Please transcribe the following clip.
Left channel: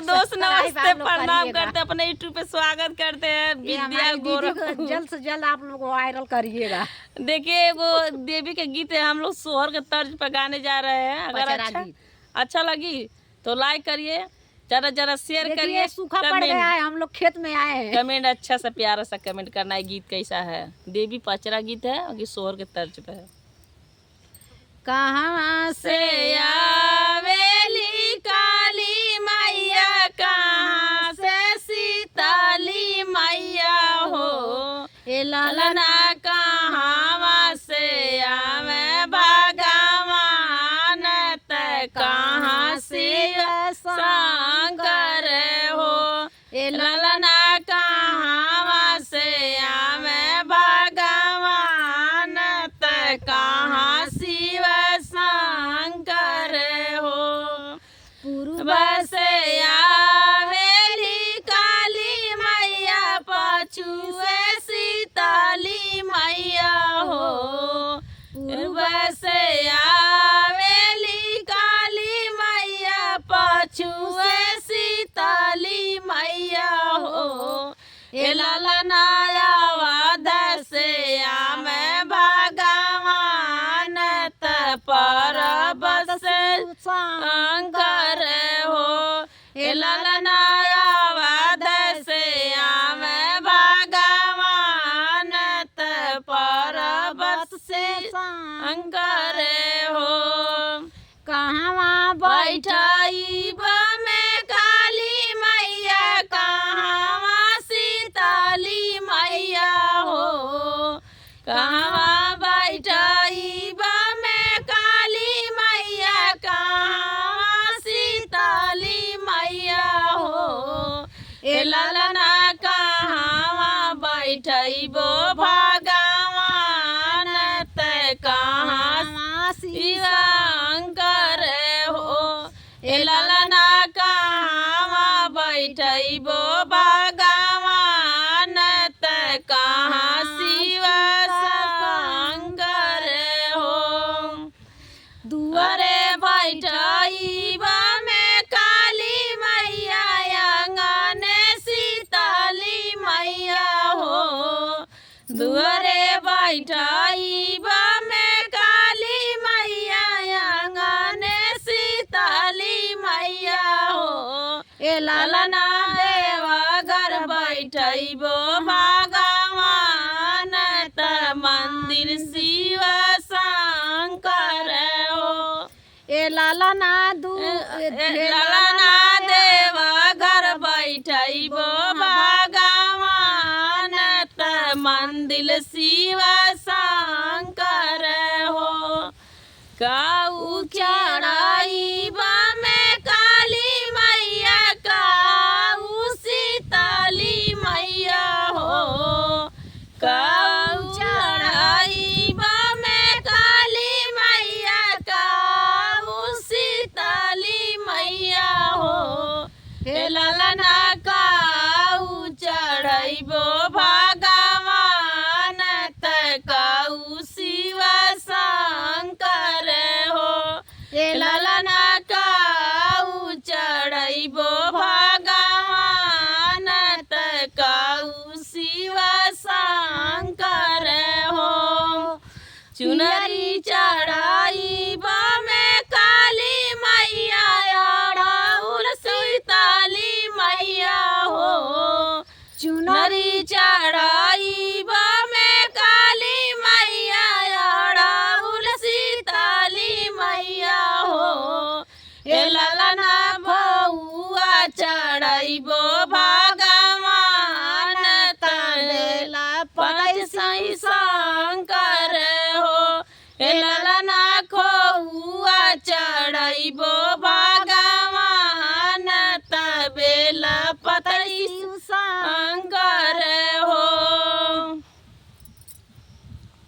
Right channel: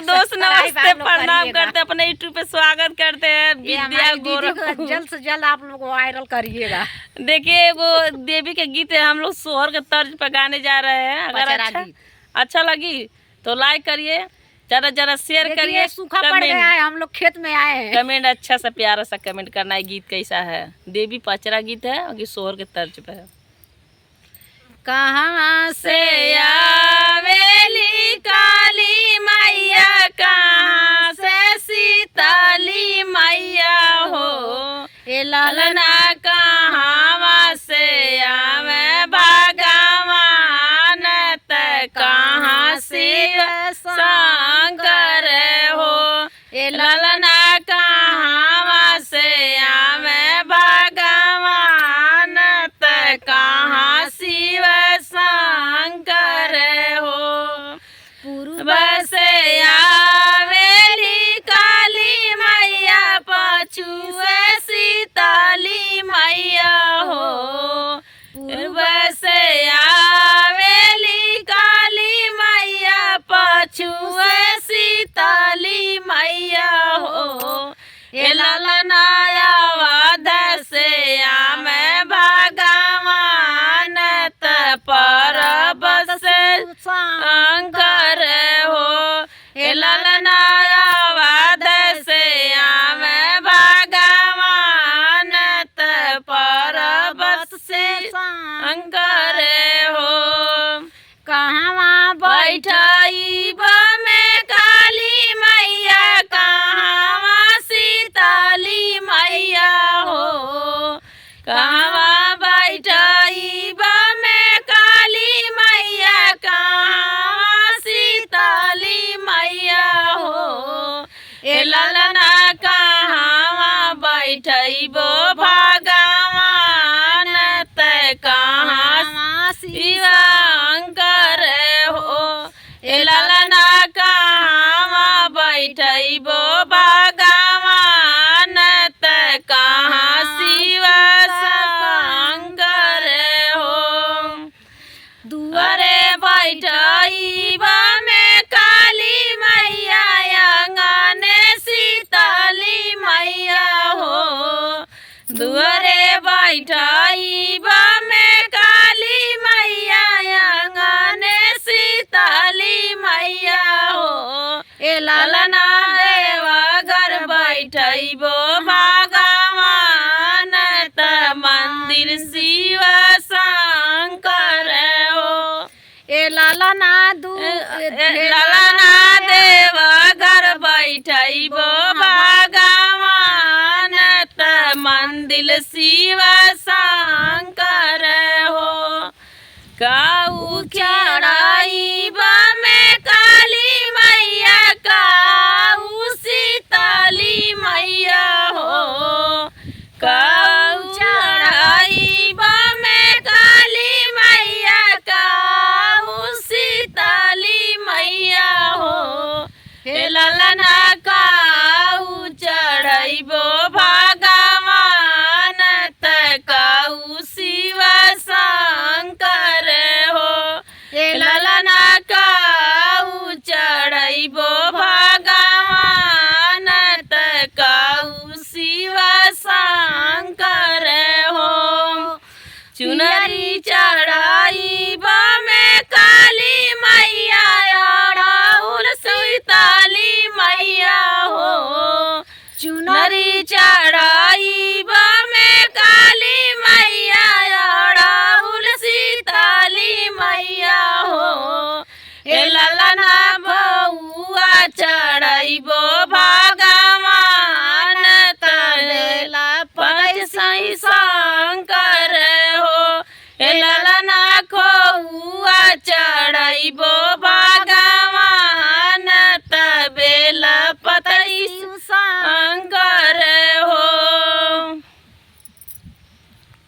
दोस्त नमस्ते, प्रणाम करते हैं, अपने यूट्यूब पे स्वागत करते हैं। विद्या गोरख जल्द से जल्द आप लोग वायरल करिएगा। देखिए वो देवी के गीत है, हम लोग सोहर के तर्ज पर गाने जा रहे हैं। अगर अच्छा लगी तो लाइक करिए, जरा शेयर करिए। सूखा पड़ गया है, हम लोग खेत में आए हैं। कमेंट अच्छा सा प्यारा सा कमेंट करना है, गीत कैसा है। देवी पचरा गीत है और सोहर के तर्ज पे है। कहाँ से आवेली काली मैया, कहाँ से सीताली मैया हो। ए ललना कहाँ से आवे भगवान, कहाँ से शंकर हो। ए ललना कहाँ से आवे भगवान, कहाँ शिव शंकर हो। पूर्व से आवेली काली मैया, पछुए सीताली मैया हो। पूर्व से आवेली काली मैया, पछुए सीताली मैया हो। ए ललनाया वाद से आमे भगवान, परब से शंकर हो। ए ललनाया वाद से आमे भगवान, परब से शंकर हो। कहाँ बैठाई में काली मैया, कहाँ सीताली मैया हो। कहाँ बैठाई में काली मैया, कहाँ सीताली मैया हो। ए ललना कहाँ बैठबो भगवान, कहाँ शिव शंकर हो। ए ललना कहाँ बैठबो भगवान, कहाँ शिव शंकर हो। दुआरे बैठब में काली मैया, आंगन सीताली मैया हो। दुआरे बैठब में काली मैया, आंगन सीताली मैया हो। ए ललना देवघर बैठबो भगवान, मंदिर शिव शंकर हो। ए ललना ललना देवघर बैठबो भगवान, मंदिर शिव शंकर हो। काऊ चढ़ाई में काली मैया, काऊ सीताली मैया हो। काऊ चढ़ाई में काली मैया, काऊ सीताली मैया हो। हे ललना काऊ चढ़बो भगवान, काऊ शिव शंकर हो। ए ललना काऊ चढ़बो भगवान, काऊ शिव शंकर हो। चुनरी चढ़ाई में काली मैया, अड़हुल सीताली मैया हो। चुनरी चढ़ाई में काली मैया, अड़हुल सीताली मैया हो। ए ललना बउआ चढ़बो भगवान, तलेला पद सही शंकर हो। ए ललना खोउआ चढ़बो